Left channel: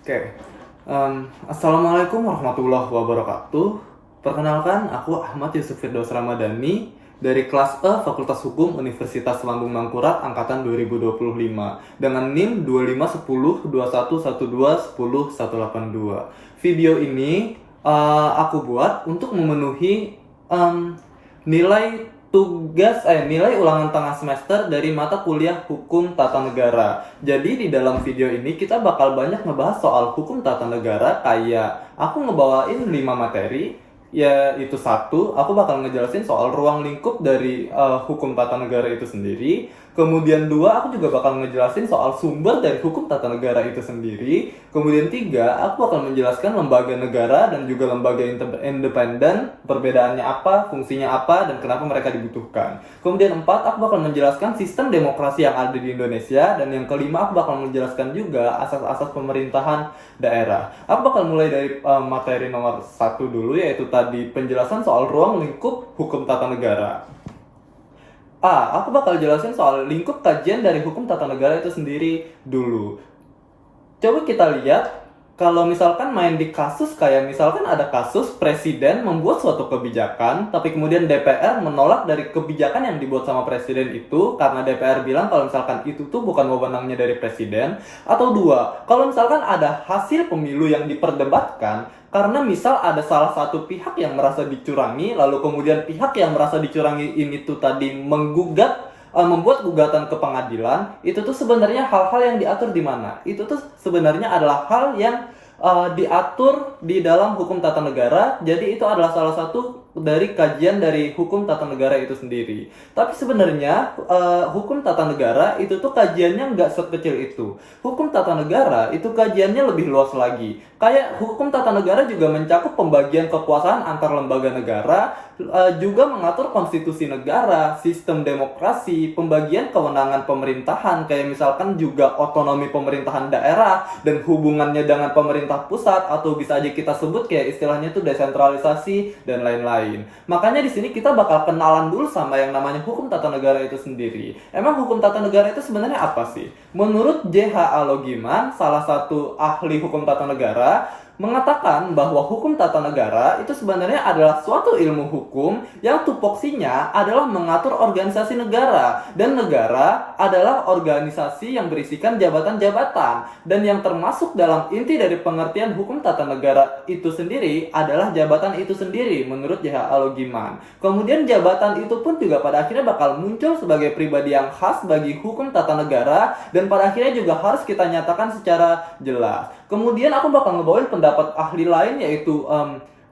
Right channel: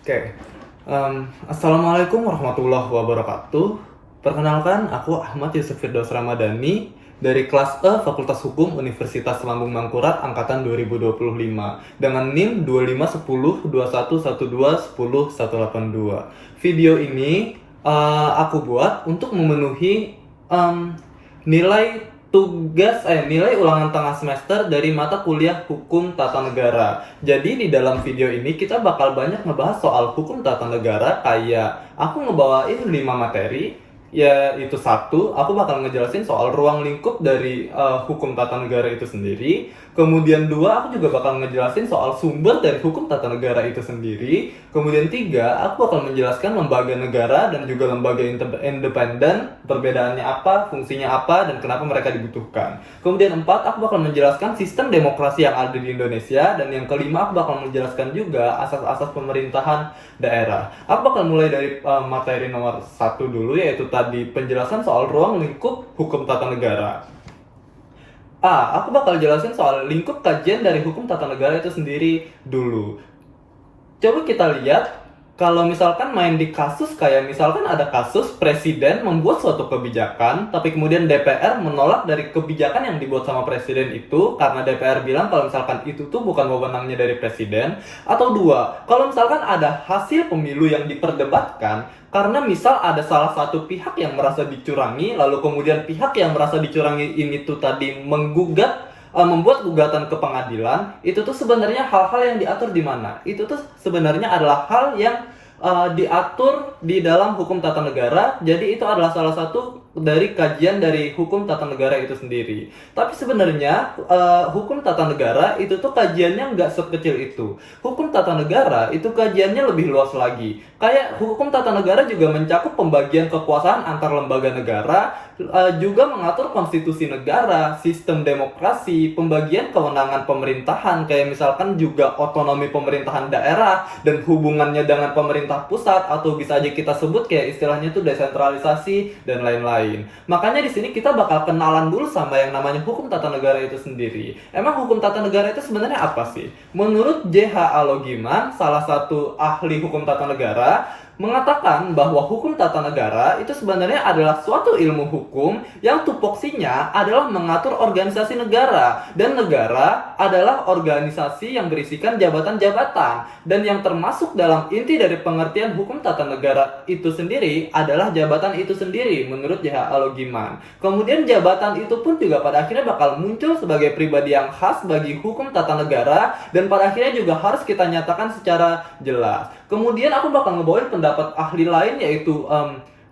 Oke, Assalamualaikum warahmatullahi wabarakatuh. Perkenalkan, aku Ahmad Yusuf Firdaus Ramadhani dari kelas E Fakultas Hukum Universitas Lambung Mangkurat Angkatan 2025 dengan NIM 251021121082. Video ini aku buat untuk memenuhi nilai nilai ulangan tengah semester dari mata kuliah Hukum Tata Negara. Jadi di dalam video ini kita bakal banyak ngebahas soal Hukum Tata Negara, kayak aku ngebawain 5 materi. Yaitu satu, aku bakal ngejelasin soal ruang lingkup dari Hukum Tata Negara itu sendiri. Kemudian dua, aku juga bakal ngejelasin soal sumber dari Hukum Tata Negara itu sendiri. Kemudian tiga, aku bakal menjelaskan lembaga negara dan juga lembaga independen, perbedaannya apa, fungsinya apa, dan kenapa mereka dibutuhkan. Kemudian empat, aku bakal menjelaskan sistem demokrasi yang ada di Indonesia. Dan yang kelima, aku bakal menjelaskan juga asas-asas pemerintahan daerah. Aku bakal mulai dari materi nomor 1 dulu, yaitu tadi penjelasan soal ruang lingkup Hukum Tata Negara. Aku bakal jelasin soal lingkup kajian dari Hukum Tata Negara itu sendiri dulu. Coba kita lihat, kalau misalkan main di kasus, kayak misalkan ada kasus presiden membuat suatu kebijakan, tapi kemudian DPR menolak dari kebijakan yang dibuat sama presiden itu, karena DPR bilang kalau misalkan itu tuh bukan wewenangnya dari presiden. Atau dua, kalau misalkan ada hasil pemilu yang diperdebatkan, karena misal ada salah satu pihak yang merasa dicurangi, lalu kemudian pihak yang merasa dicurangi ini tuh tadi membuat gugatan ke pengadilan. Itu tuh sebenarnya hal-hal yang diatur di mana? Itu tuh sebenarnya adalah hal yang diatur di dalam Hukum Tata Negara. Jadi itu adalah salah satu dari kajian dari Hukum Tata Negara itu sendiri. Tapi sebenarnya Hukum Tata Negara itu tuh kajiannya nggak sekecil itu. Hukum Tata Negara itu kajiannya lebih luas lagi. Kayak Hukum Tata Negara juga mencakup pembagian kekuasaan antar lembaga negara, juga mengatur konstitusi negara, sistem demokrasi, pembagian kewenangan pemerintahan, kayak misalkan juga otonomi pemerintahan daerah dan hubungannya dengan pemerintah pusat, atau bisa aja kita sebut kayak istilahnya itu desentralisasi dan lain-lain. Makanya di sini kita bakal kenalan dulu sama yang namanya Hukum Tata Negara itu sendiri. Emang Hukum Tata Negara itu sebenarnya apa sih? Menurut J.H.A. Logiman, salah satu ahli Hukum Tata Negara, mengatakan bahwa Hukum Tata Negara itu sebenarnya adalah suatu ilmu hukum yang tupoksinya adalah mengatur organisasi negara, dan negara adalah organisasi yang berisikan jabatan-jabatan, dan yang termasuk dalam inti dari pengertian Hukum Tata Negara itu sendiri adalah jabatan itu sendiri menurut J.H.A. Logiman. Kemudian jabatan itu pun juga pada akhirnya bakal muncul sebagai pribadi yang khas bagi Hukum Tata Negara, dan pada akhirnya juga harus kita nyatakan secara jelas. Kemudian aku bakal ngebawain pendapat ahli lain, yaitu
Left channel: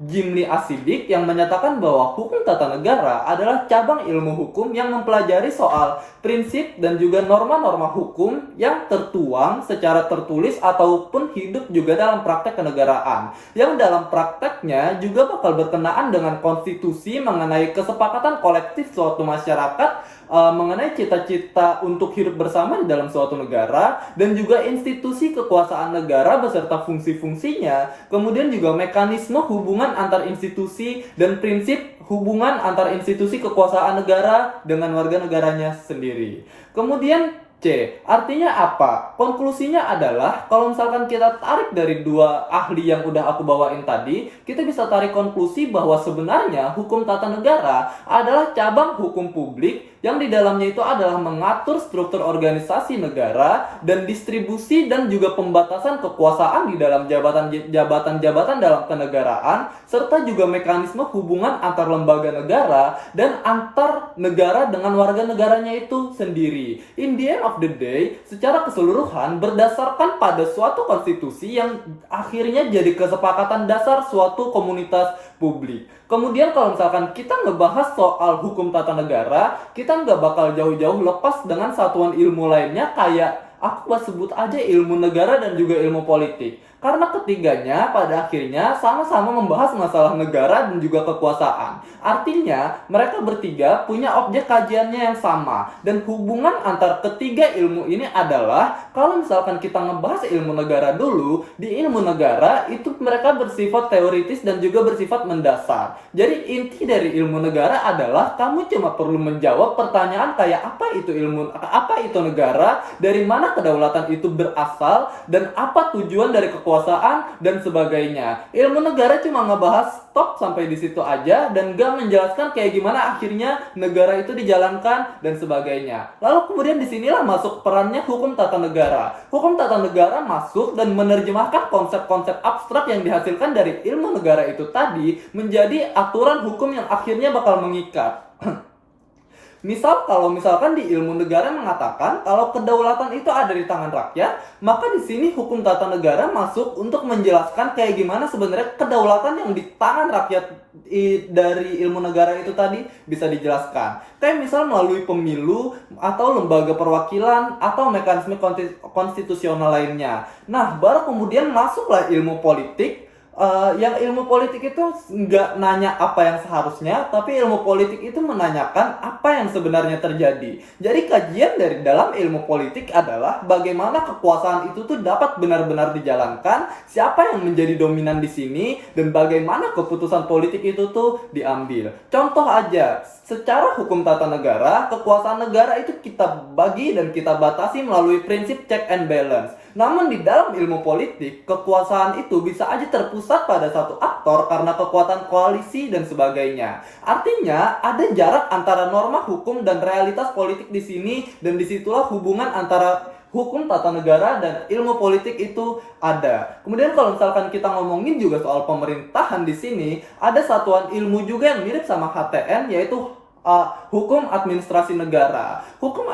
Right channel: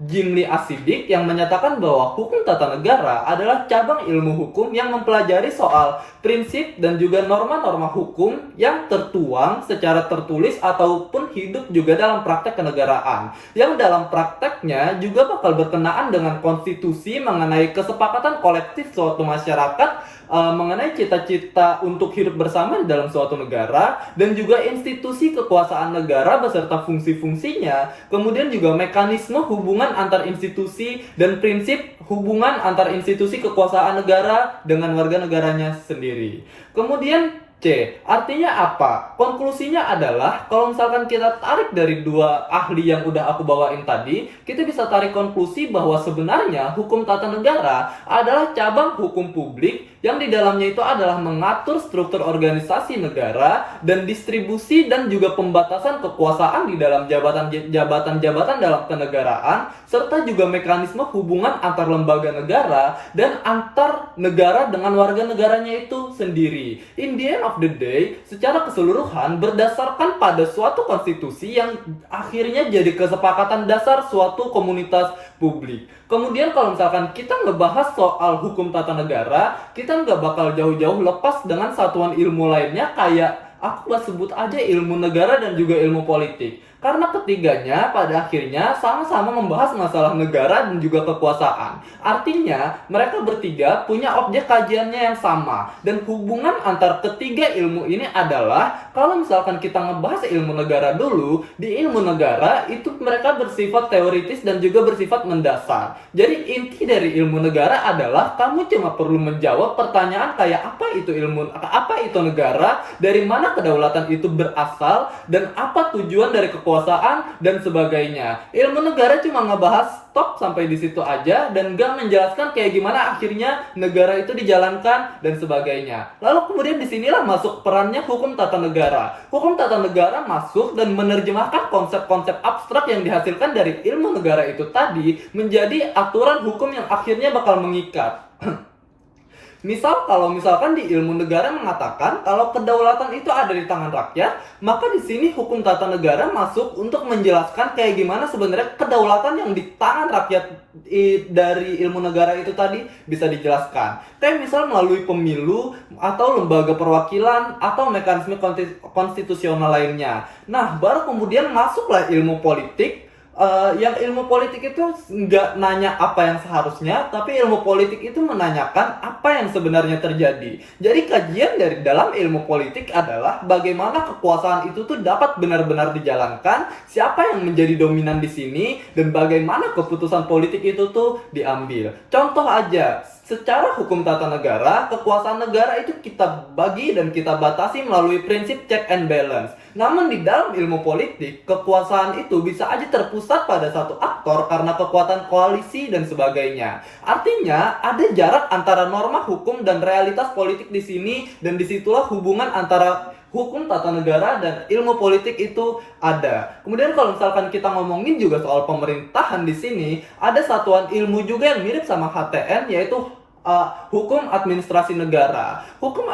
Jimli Asidik, yang menyatakan bahwa Hukum Tata Negara adalah cabang ilmu hukum yang mempelajari soal prinsip dan juga norma-norma hukum yang tertuang secara tertulis ataupun hidup juga dalam praktek kenegaraan, yang dalam prakteknya juga bakal berkenaan dengan konstitusi mengenai kesepakatan kolektif suatu masyarakat, mengenai cita-cita untuk hidup bersama di dalam suatu negara, dan juga institusi kekuasaan negara beserta fungsi-fungsinya, kemudian juga mekanisme hubungan antar institusi dan prinsip hubungan antar institusi kekuasaan negara dengan warga negaranya sendiri. Kemudian C, artinya apa? Konklusinya adalah kalau misalkan kita tarik dari dua ahli yang udah aku bawain tadi, kita bisa tarik konklusi bahwa sebenarnya Hukum Tata Negara adalah cabang hukum publik yang di dalamnya itu adalah mengatur struktur organisasi negara dan distribusi dan juga pembatasan kekuasaan di dalam jabatan-jabatan dalam kenegaraan, serta juga mekanisme hubungan antar lembaga negara dan antar negara dengan warga negaranya itu sendiri. In the end of the day, secara keseluruhan berdasarkan pada suatu konstitusi yang akhirnya jadi kesepakatan dasar suatu komunitas publik. Kemudian kalau misalkan kita ngebahas soal Hukum Tata Negara, kita nggak bakal jauh-jauh lepas dengan satuan ilmu lainnya, kayak aku sebut aja ilmu negara dan juga ilmu politik. Karena ketiganya pada akhirnya sama-sama membahas masalah negara dan juga kekuasaan. Artinya, mereka bertiga punya objek kajiannya yang sama. Dan hubungan antar ketiga ilmu ini adalah, kalau misalkan kita ngebahas ilmu negara dulu, di ilmu negara itu mereka bersifat teoritis dan juga bersifat mendasar. Jadi inti dari ilmu negara adalah kamu cuma perlu menjawab pertanyaan kayak apa itu negara, dari mana kedaulatan itu berasal, dan apa tujuan dari kekuasaan dan sebagainya. Ilmu negara cuma ngebahas stop sampai di situ aja dan gak menjelaskan kayak gimana akhirnya negara itu dijalankan dan sebagainya. Lalu kemudian disinilah masuk perannya hukum tata negara. Hukum tata negara masuk dan menerjemahkan konsep-konsep abstrak yang dihasilkan dari ilmu negara itu tadi menjadi aturan hukum yang akhirnya bakal mengikat. Misal kalau misalkan di ilmu negara mengatakan kalau kedaulatan itu ada di tangan rakyat, maka di sini hukum tata negara masuk untuk menjelaskan kayak gimana sebenarnya kedaulatan yang di tangan rakyat dari ilmu negara itu tadi bisa dijelaskan. Kayak misal melalui pemilu atau lembaga perwakilan atau mekanisme konstitusional lainnya. Nah, baru kemudian masuklah ilmu politik. Yang ilmu politik itu nggak nanya apa yang seharusnya, tapi ilmu politik itu menanyakan apa yang sebenarnya terjadi. Jadi kajian dari dalam ilmu politik adalah bagaimana kekuasaan itu tuh dapat benar-benar dijalankan, siapa yang menjadi dominan di sini, dan bagaimana keputusan politik itu tuh diambil. Contoh aja, secara hukum tata negara, kekuasaan negara itu kita bagi dan kita batasi melalui prinsip check and balance. Namun di dalam ilmu politik, kekuasaan itu bisa aja terpusat pada satu aktor karena kekuatan koalisi dan sebagainya. Artinya, ada jarak antara norma hukum dan realitas politik di sini, dan disitulah hubungan antara hukum tata negara dan ilmu politik itu ada. Kemudian kalau misalkan kita ngomongin juga soal pemerintahan di sini, ada satuan ilmu juga yang mirip sama HTN, yaitu hukum administrasi negara. Hukum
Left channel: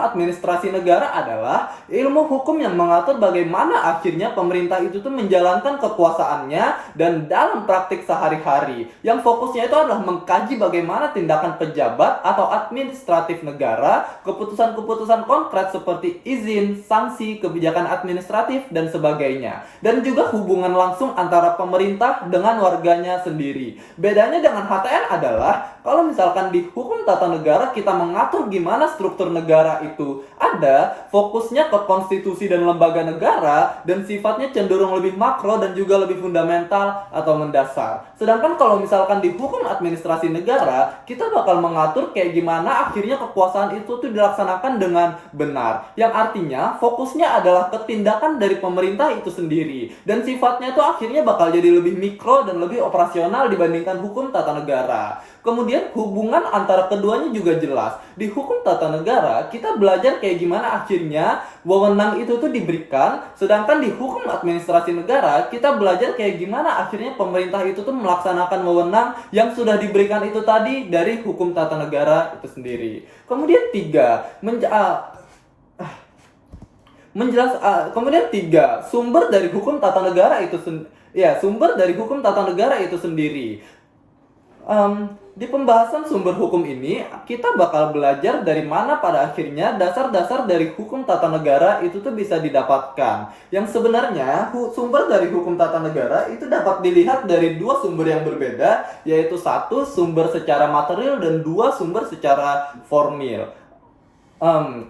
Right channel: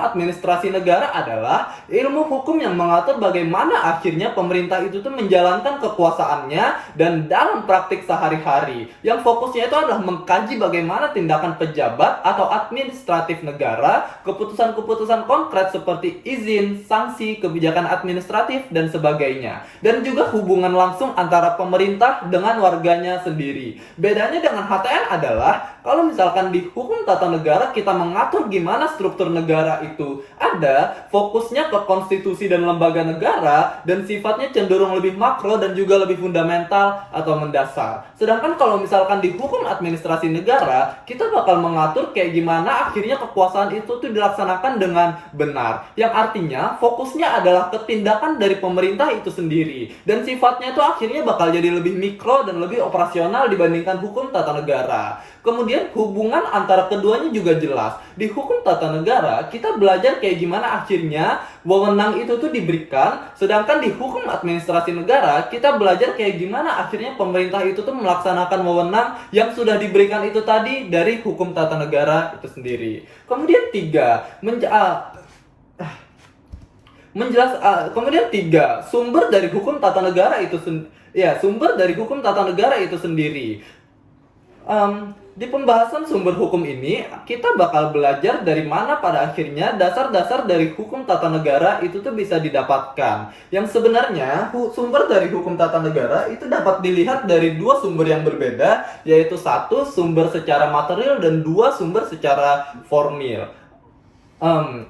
administrasi negara adalah ilmu hukum yang mengatur bagaimana akhirnya pemerintah itu tuh menjalankan kekuasaannya dan dalam praktik sehari-hari. Yang fokusnya itu adalah mengkaji bagaimana tindakan pejabat atau administratif negara, keputusan-keputusan konkret seperti izin, sanksi, kebijakan administratif, dan sebagainya. Dan juga hubungan langsung antara pemerintah dengan warganya sendiri. Bedanya dengan HTN adalah kalau misalkan di hukum tata negara kita mengatur gimana struktur negara itu ada, fokusnya ke konstitusi dan lembaga negara, dan sifatnya cenderung lebih makro dan juga lebih fundamental atau mendasar. Sedangkan kalau misalkan di hukum administrasi negara, kita bakal mengatur kayak gimana akhirnya kekuasaan itu tuh dilaksanakan dengan benar. Yang artinya fokusnya adalah ketindakan dari pemerintah itu sendiri, dan sifatnya itu akhirnya bakal jadi lebih mikro dan lebih operasional dibandingkan hukum tata negara. Kemudian hubungan antara keduanya juga jelas. Di hukum tata negara, kita belajar kayak gimana akhirnya wewenang itu tuh diberikan. Sedangkan di hukum administrasi negara, kita belajar kayak gimana akhirnya pemerintah itu tuh melaksanakan wewenang yang sudah diberikan itu tadi dari hukum tata negara itu sendiri. Kemudian sumber dari hukum tata negara itu sendiri. Di pembahasan sumber hukum ini, kita bakal belajar dari mana pada akhirnya dasar-dasar dari hukum tata negara itu tuh bisa didapatkan. Yang sebenarnya sumber dari hukum tata negara itu dapat dilihat dari dua sumber yang berbeda, yaitu satu sumber secara material dan dua sumber secara formil.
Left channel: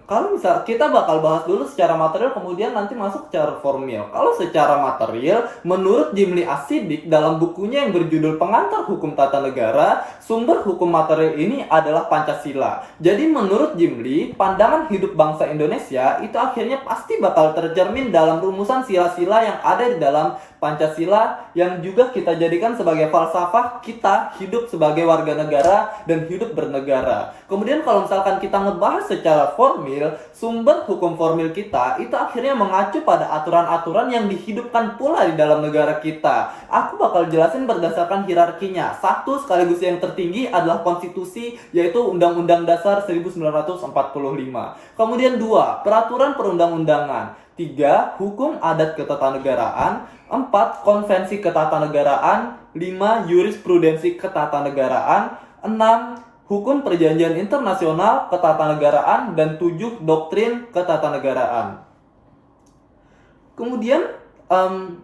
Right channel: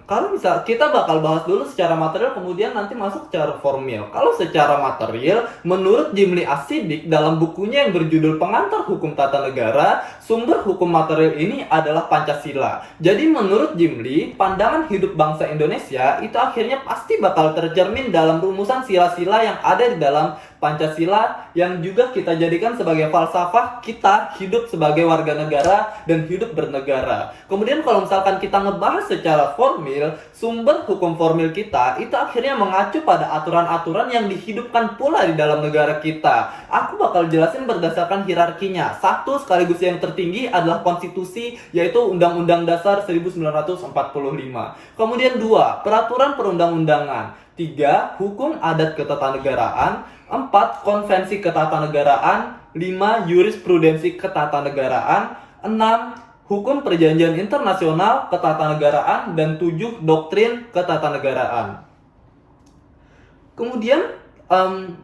Kalau misal kita bakal bahas dulu secara material, kemudian nanti masuk secara formil. Kalau secara material, menurut Jimli As-Siddiq dalam bukunya yang berjudul Pengantar Hukum Tata Negara, sumber hukum material ini adalah Pancasila. Jadi menurut Jimli, pandangan hidup bangsa Indonesia itu akhirnya pasti bakal tercermin dalam rumusan sila-sila yang ada di dalam Pancasila, yang juga kita jadikan sebagai falsafah kita hidup sebagai warga negara dan hidup bernegara. Kemudian kalau misalkan kita ngebahas secara formil, sumber hukum formil kita itu akhirnya mengacu pada aturan-aturan yang dihidupkan pula di dalam negara kita. Aku bakal jelasin berdasarkan hierarkinya. Satu sekaligus yang tertinggi adalah konstitusi, yaitu Undang-Undang Dasar 1945. Kemudian dua, peraturan perundang-undangan. 3. Hukum adat ketatanegaraan. 4. Konvensi ketatanegaraan. 5. Jurisprudensi ketatanegaraan. 6. Hukum perjanjian internasional ketatanegaraan. Dan 7. Doktrin ketatanegaraan. Kemudian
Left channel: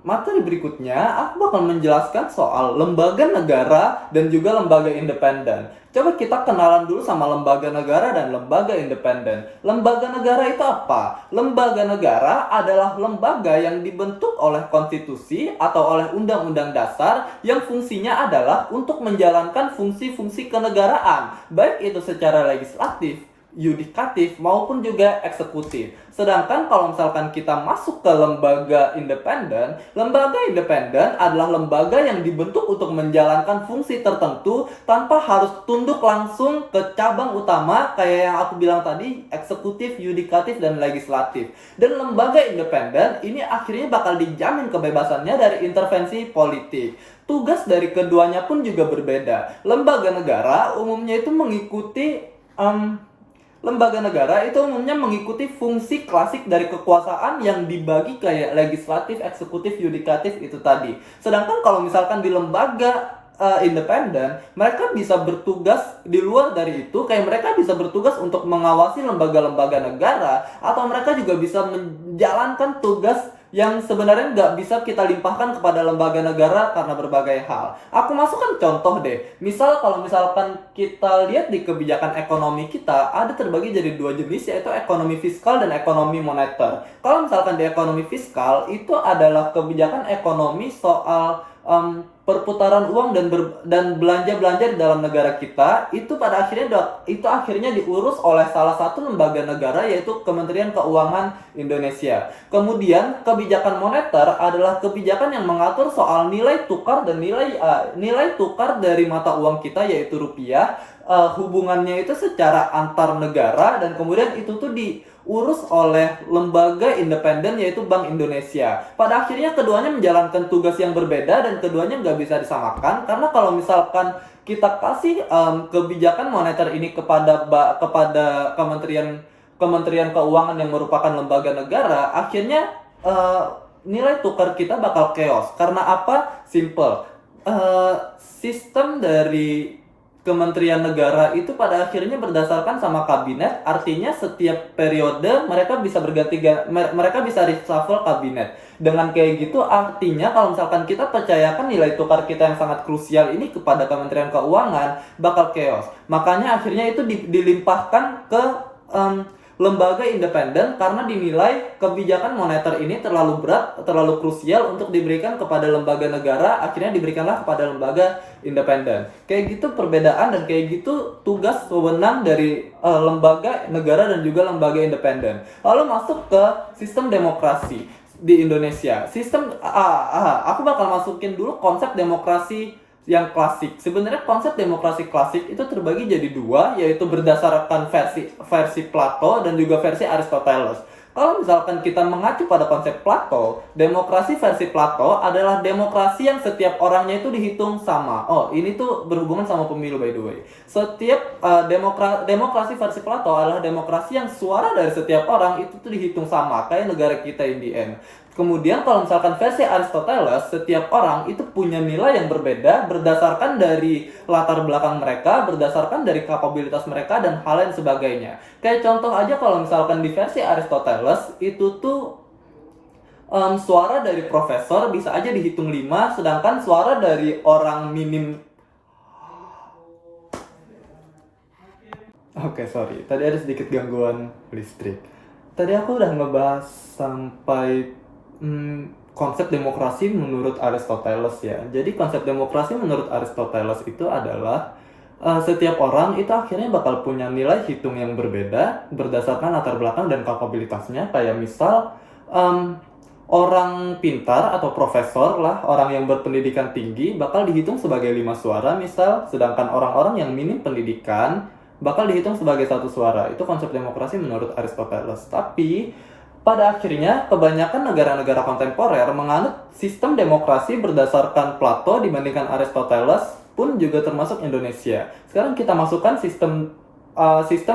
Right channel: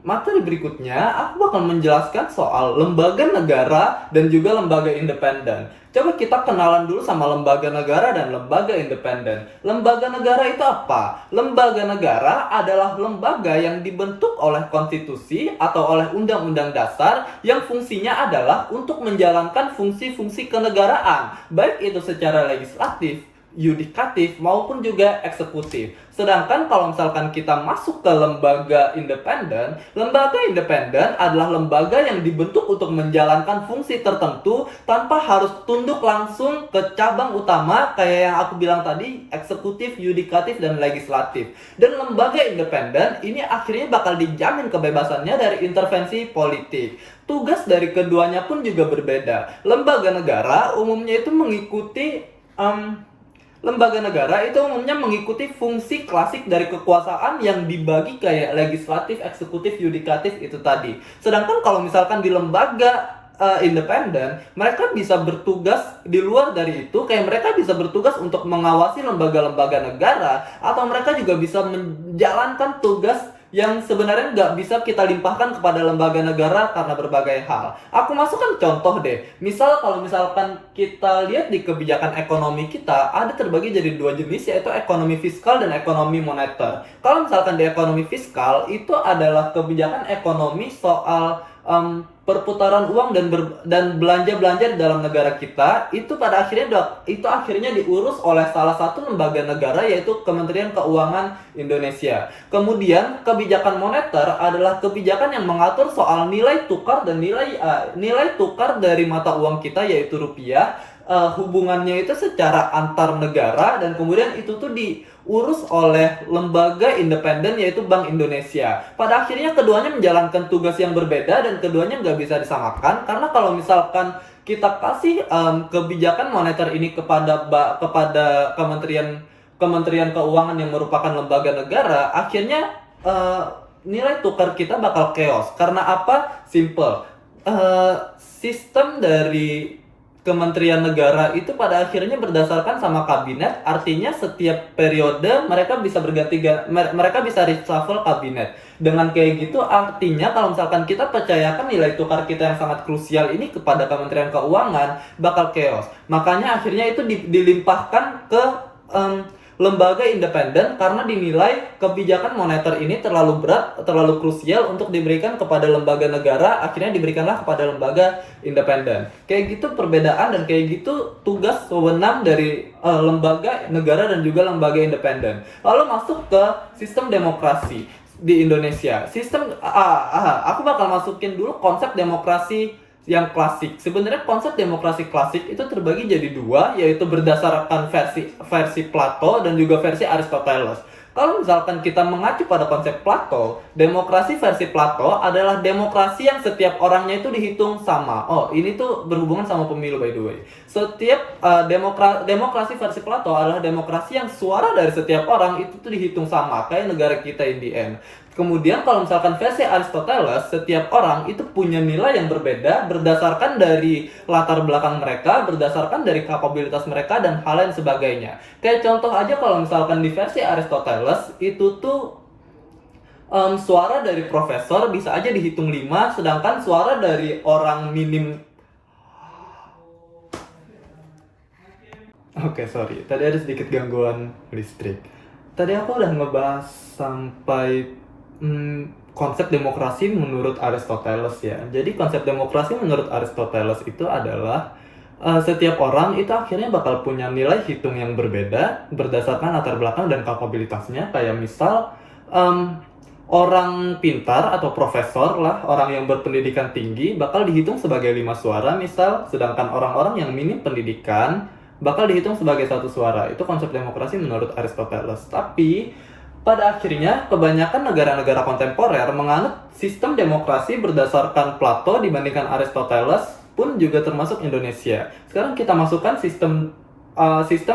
materi berikutnya aku bakal menjelaskan soal lembaga negara dan juga lembaga independen. Coba kita kenalan dulu sama lembaga negara dan lembaga independen. Lembaga negara itu apa? Lembaga negara adalah lembaga yang dibentuk oleh konstitusi atau oleh undang-undang dasar yang fungsinya adalah untuk menjalankan fungsi-fungsi kenegaraan, baik itu secara legislatif, yudikatif maupun juga eksekutif. Sedangkan kalau misalkan kita masuk ke lembaga independen adalah lembaga yang dibentuk untuk menjalankan fungsi tertentu tanpa harus tunduk langsung ke cabang utama kayak yang aku bilang tadi, eksekutif, yudikatif, dan legislatif. Dan lembaga independen ini akhirnya bakal dijamin kebebasannya dari intervensi politik. Tugas dari keduanya pun juga berbeda. Lembaga negara umumnya itu mengikuti fungsi klasik dari kekuasaan yang dibagi kayak legislatif, eksekutif, yudikatif itu tadi. Sedangkan kalau misalkan di lembaga independen, mereka bisa bertugas di luar dari itu, kayak mereka bisa bertugas untuk mengawasi lembaga-lembaga negara, atau mereka juga bisa menjalankan tugas yang sebenarnya nggak bisa kita limpahkan kepada lembaga negara karena berbagai hal. Aku masukkan contoh deh. Misal kalau misalkan kita lihat di kebijakan ekonomi kita, ada terbagi jadi dua jenis, yaitu ekonomi fiskal dan ekonomi moneter. Kalau misalkan di ekonomi fiskal, itu adalah kebijakan ekonomi soal perputaran uang dan belanja-belanja di dalam negara kita, itu akhirnya diurus oleh salah satu lembaga negara, yaitu Kementerian Keuangan Indonesia. Kemudian kebijakan moneter adalah kebijakan yang mengatur soal nilai tukar dan nilai tukar dari mata uang kita, yaitu rupiah. Hubungannya itu secara antar negara, dan kemudian itu tuh diurus oleh lembaga independen, yaitu Bank Indonesia. Pada akhirnya keduanya menjalankan tugas yang berbeda dan keduanya nggak bisa disamakan, karena kalau misalkan kita kasih kebijakan moneter ini kepada Kementerian Keuangan yang merupakan lembaga negara, akhirnya nilai tukar kita bakal chaos. Karena apa? Simple. Sistem dari Kementerian Negara itu pada akhirnya berdasarkan sama kabinet, artinya setiap periode mereka bisa mereka bisa reshuffle kabinet. Dengan kayak gitu artinya kalau misalkan kita percayakan nilai tukar kita yang sangat krusial ini kepada Kementerian Keuangan, bakal chaos. Makanya akhirnya itu dilimpahkan ke lembaga independen karena dinilai kebijakan moneter ini terlalu berat, terlalu krusial untuk diberikan kepada lembaga negara, akhirnya diberikanlah kepada lembaga independen. Kayak gitu perbedaan dan kayak gitu tugas wewenang dari lembaga negara dan juga lembaga independen. Lalu masuk ke sistem demokrasi di Indonesia. Aku bakal masukin dulu konsep demokrasi yang klasik. Sebenarnya konsep demokrasi klasik itu terbagi jadi dua, yaitu berdasarkan versi Plato dan juga versi Aristoteles. Kalau misalkan kita mengacu pada konsep Plato, demokrasi versi Plato adalah demokrasi yang setiap orangnya itu dihitung sama. Oh, ini tuh berhubungan sama pemilu by the way. Setiap demokrasi versi Plato adalah demokrasi yang suara dari setiap orang itu tuh dihitung sama, kayak negara kita in the end. Kemudian kalau misalkan versi Aristoteles, setiap orang itu punya nilai yang berbeda berdasarkan dari latar belakang mereka, berdasarkan dari kapabilitas mereka, dan hal lain sebagainya. Kayak contoh aja kalau misalkan di versi Aristoteles, itu tuh suara dari profesor bisa aja dihitung 5, sedangkan suara dari orang minim... Oke, sorry. Tadi ada sedikit gangguan listrik. Tadi aku udah ngebahas sampai konsep demokrasi menurut Aristoteles ya. Jadi konsep demokrasi menurut Aristoteles itu adalah setiap orang itu akhirnya bakal punya nilai hitung yang berbeda berdasarkan latar belakang dan kapabilitasnya. Kayak misal orang pintar atau profesor lah, orang yang berpendidikan tinggi bakal dihitung sebagai 5 suara misal, sedangkan orang-orang yang minim pendidikan bakal dihitung sebagai 1 suara. Itu konsep demokrasi menurut Aristoteles. Tapi pada akhirnya, kebanyakan negara-negara kontemporer menganut sistem demokrasi berdasarkan Plato dibandingkan Aristoteles, pun juga termasuk Indonesia. Sekarang kita masukkan sistem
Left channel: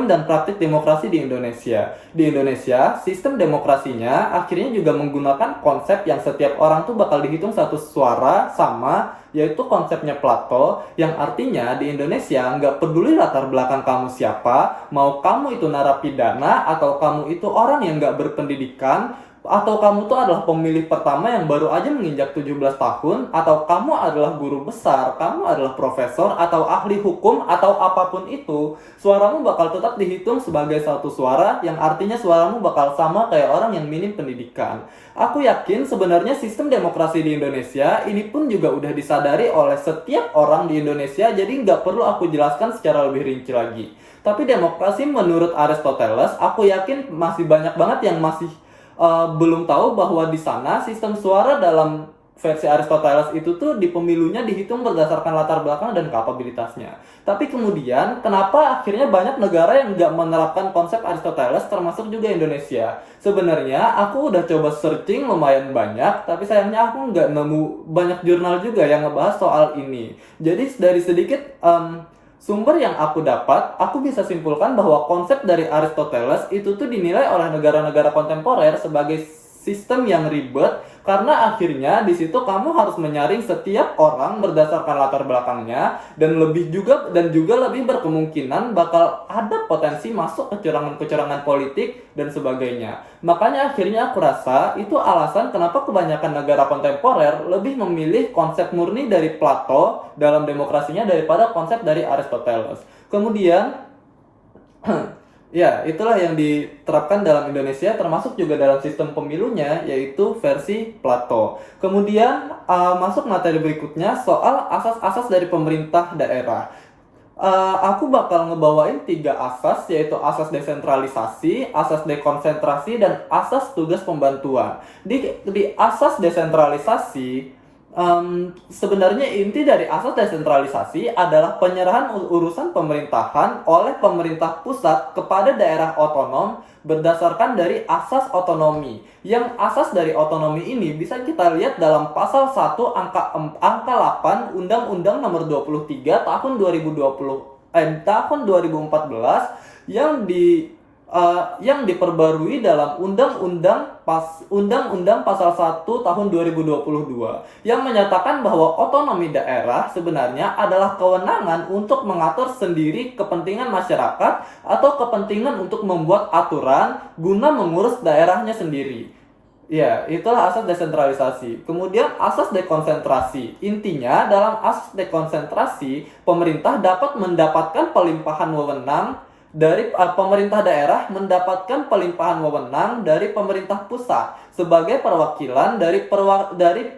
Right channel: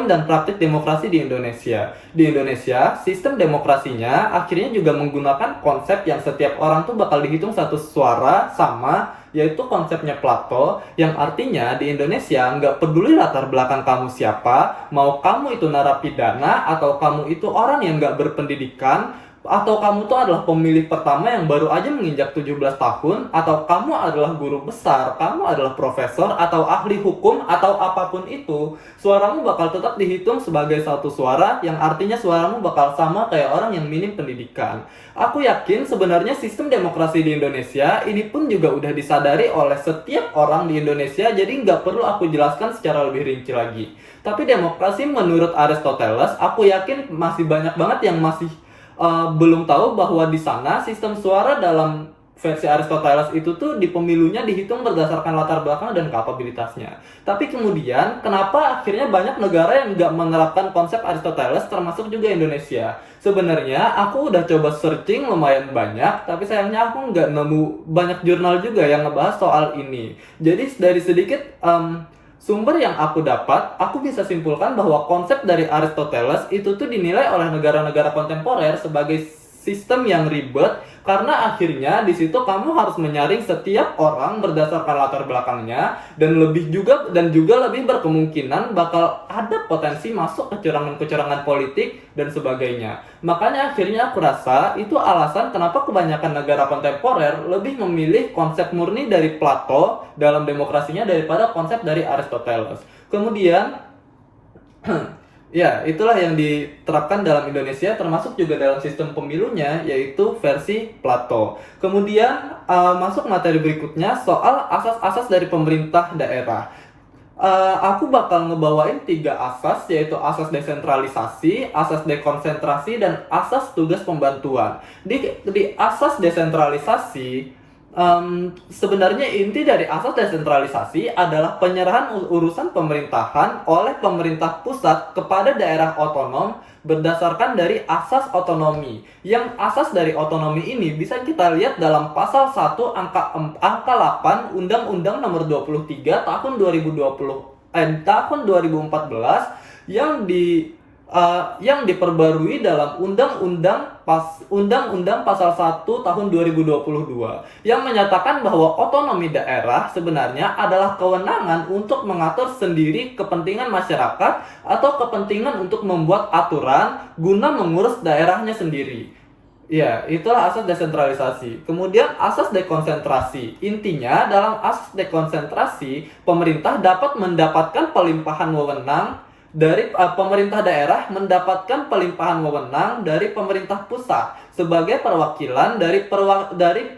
dan praktik demokrasi di Indonesia. Di Indonesia, sistem demokrasinya akhirnya juga menggunakan konsep yang setiap orang tuh bakal dihitung 1 suara sama, yaitu konsepnya Plato, yang artinya di Indonesia nggak peduli latar belakang kamu siapa, mau kamu itu narapidana atau kamu itu orang yang nggak berpendidikan, Atau kamu tuh adalah pemilih pertama yang baru aja menginjak 17 tahun, atau kamu adalah guru besar, kamu adalah profesor, atau ahli hukum, atau apapun itu, suaramu bakal tetap dihitung sebagai satu suara, yang artinya suaramu bakal sama kayak orang yang minim pendidikan. Aku yakin sebenarnya sistem demokrasi di Indonesia ini pun juga udah disadari oleh setiap orang di Indonesia, jadi nggak perlu aku jelaskan secara lebih rinci lagi. Tapi demokrasi menurut Aristoteles, aku yakin masih banyak banget yang masih belum tahu bahwa di sana sistem suara dalam versi Aristoteles itu tuh di pemilunya dihitung berdasarkan latar belakang dan kapabilitasnya. Tapi kemudian kenapa akhirnya banyak negara yang nggak menerapkan konsep Aristoteles, termasuk juga Indonesia? Sebenarnya aku udah coba searching lumayan banyak, tapi sayangnya aku nggak nemu banyak jurnal juga yang ngebahas soal ini. Jadi dari sedikit sumber yang aku dapat, aku bisa simpulkan bahwa konsep dari Aristoteles itu tuh dinilai oleh negara-negara kontemporer sebagai sistem yang ribet, karena akhirnya di situ kamu harus menyaring setiap orang berdasarkan latar belakangnya, dan juga lebih berkemungkinan bakal ada potensi masuk kecurangan-kecurangan politik dan sebagainya. Makanya akhirnya aku rasa itu alasan kenapa kebanyakan negara kontemporer lebih memilih konsep murni dari Plato dalam demokrasinya daripada konsep dari Aristoteles. Kemudian ya, itulah yang diterapkan dalam Indonesia, termasuk juga dalam sistem pemilunya, yaitu versi Plato. Kemudian masuk materi berikutnya soal asas-asas dari pemerintah daerah. Aku bakal ngebawain 3 asas, yaitu asas desentralisasi, asas dekonsentrasi, dan asas tugas pembantuan. Di asas desentralisasi, sebenarnya inti dari asas desentralisasi adalah penyerahan urusan pemerintahan oleh pemerintah pusat kepada daerah otonom berdasarkan dari asas otonomi. Yang asas dari otonomi ini bisa kita lihat dalam pasal 1 angka 8 Undang-Undang Nomor 23 tahun 2014 yang diperbarui dalam Undang-Undang Pasal 1 tahun 2022 yang menyatakan bahwa otonomi daerah sebenarnya adalah kewenangan untuk mengatur sendiri kepentingan masyarakat atau kepentingan untuk membuat aturan guna mengurus daerahnya sendiri. Ya, itulah asas desentralisasi. Kemudian asas dekonsentrasi. Intinya dalam asas dekonsentrasi, pemerintah dapat mendapatkan pelimpahan wewenang dari pemerintah daerah mendapatkan pelimpahan wewenang dari pemerintah pusat sebagai perwakilan dari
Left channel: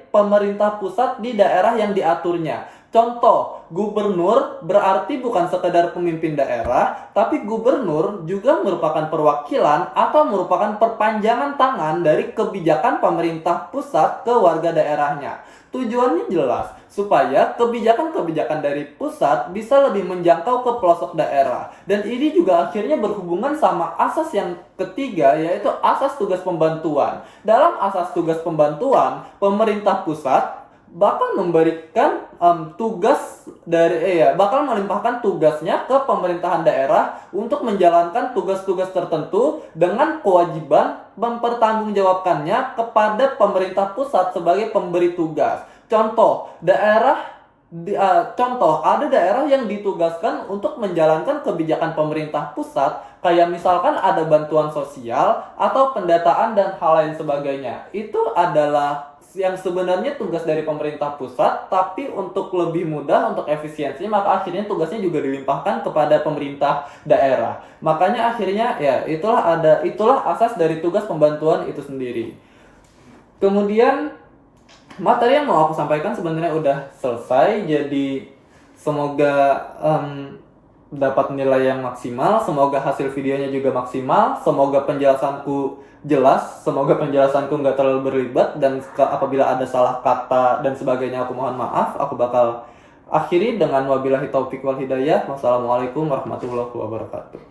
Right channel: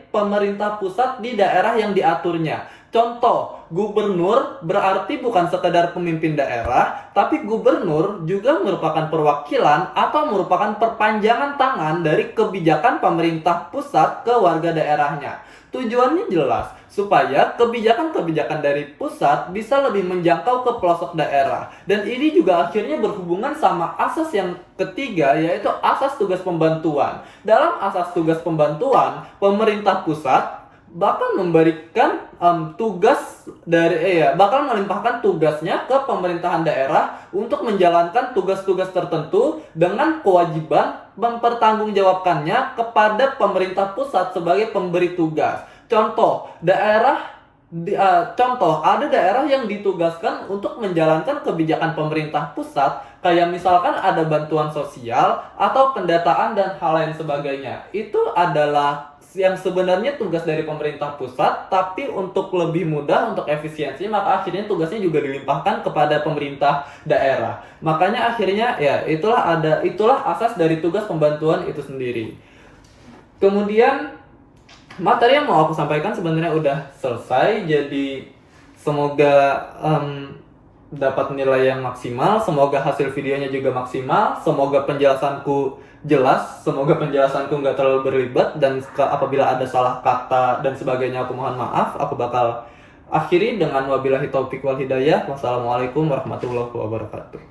pemerintah pusat di daerah yang diaturnya. Contoh, gubernur berarti bukan sekedar pemimpin daerah, tapi gubernur juga merupakan perwakilan atau merupakan perpanjangan tangan dari kebijakan pemerintah pusat ke warga daerahnya. Tujuannya jelas, supaya kebijakan-kebijakan dari pusat bisa lebih menjangkau ke pelosok daerah. Dan ini juga akhirnya berhubungan sama asas yang ketiga, yaitu asas tugas pembantuan. Dalam asas tugas pembantuan, pemerintah pusat bakal memberikan bakal melimpahkan tugasnya ke pemerintahan daerah untuk menjalankan tugas-tugas tertentu dengan kewajiban mempertanggungjawabkannya kepada pemerintah pusat sebagai pemberi tugas. Contoh, ada daerah yang ditugaskan untuk menjalankan kebijakan pemerintah pusat, kayak misalkan ada bantuan sosial atau pendataan dan hal lain sebagainya. Itu adalah yang sebenarnya tugas dari pemerintah pusat, tapi untuk lebih mudah, untuk efisiensi, maka akhirnya tugasnya juga dilimpahkan kepada pemerintah daerah. Makanya akhirnya ya itulah asas dari tugas pembantuan itu sendiri. Kemudian materi yang mau aku sampaikan sebenarnya udah selesai, jadi semoga dapat nilai yang maksimal, semoga hasil videonya juga maksimal, semoga penjelasanku jelas, semoga penjelasanku nggak terlalu berlibat, dan apabila ada salah kata dan sebagainya aku mohon maaf. Aku bakal akhiri dengan wabillahi taufiq wal hidayah. Wassalamualaikum warahmatullahi wabarakatuh.